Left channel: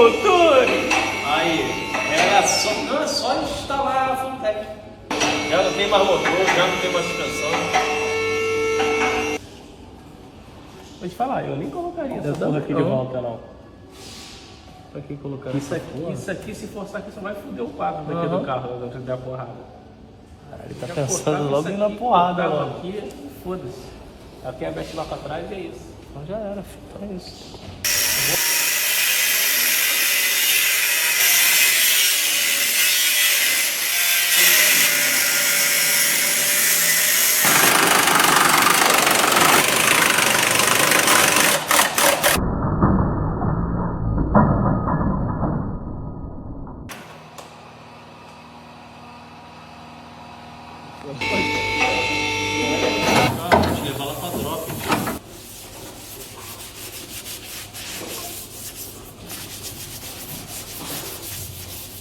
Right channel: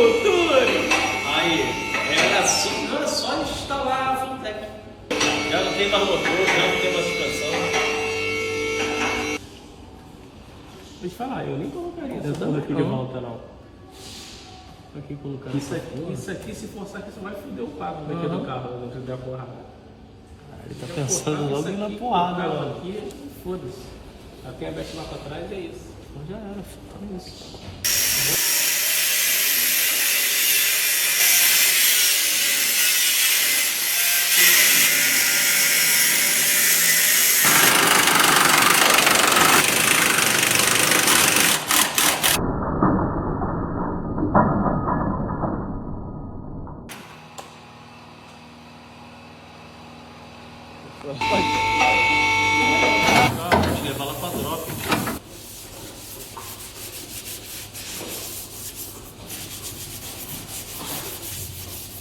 motor. Aí, era só, não, é só instalar a Frontec. Já não tem mais motor, já não tem mais suspensão. Vou te falar, eu nem colocaria essa porra aqui de volta, não. Pra que colocar isso aqui, se forçar aqui, só vai foder o quadro daqui do carro, não precisa dar porrada. Ele tá pensando logo na porrada, mano. Aqui, foda-se. Ela tem a veste lá pra trás e é isso. Então já era, então é isso.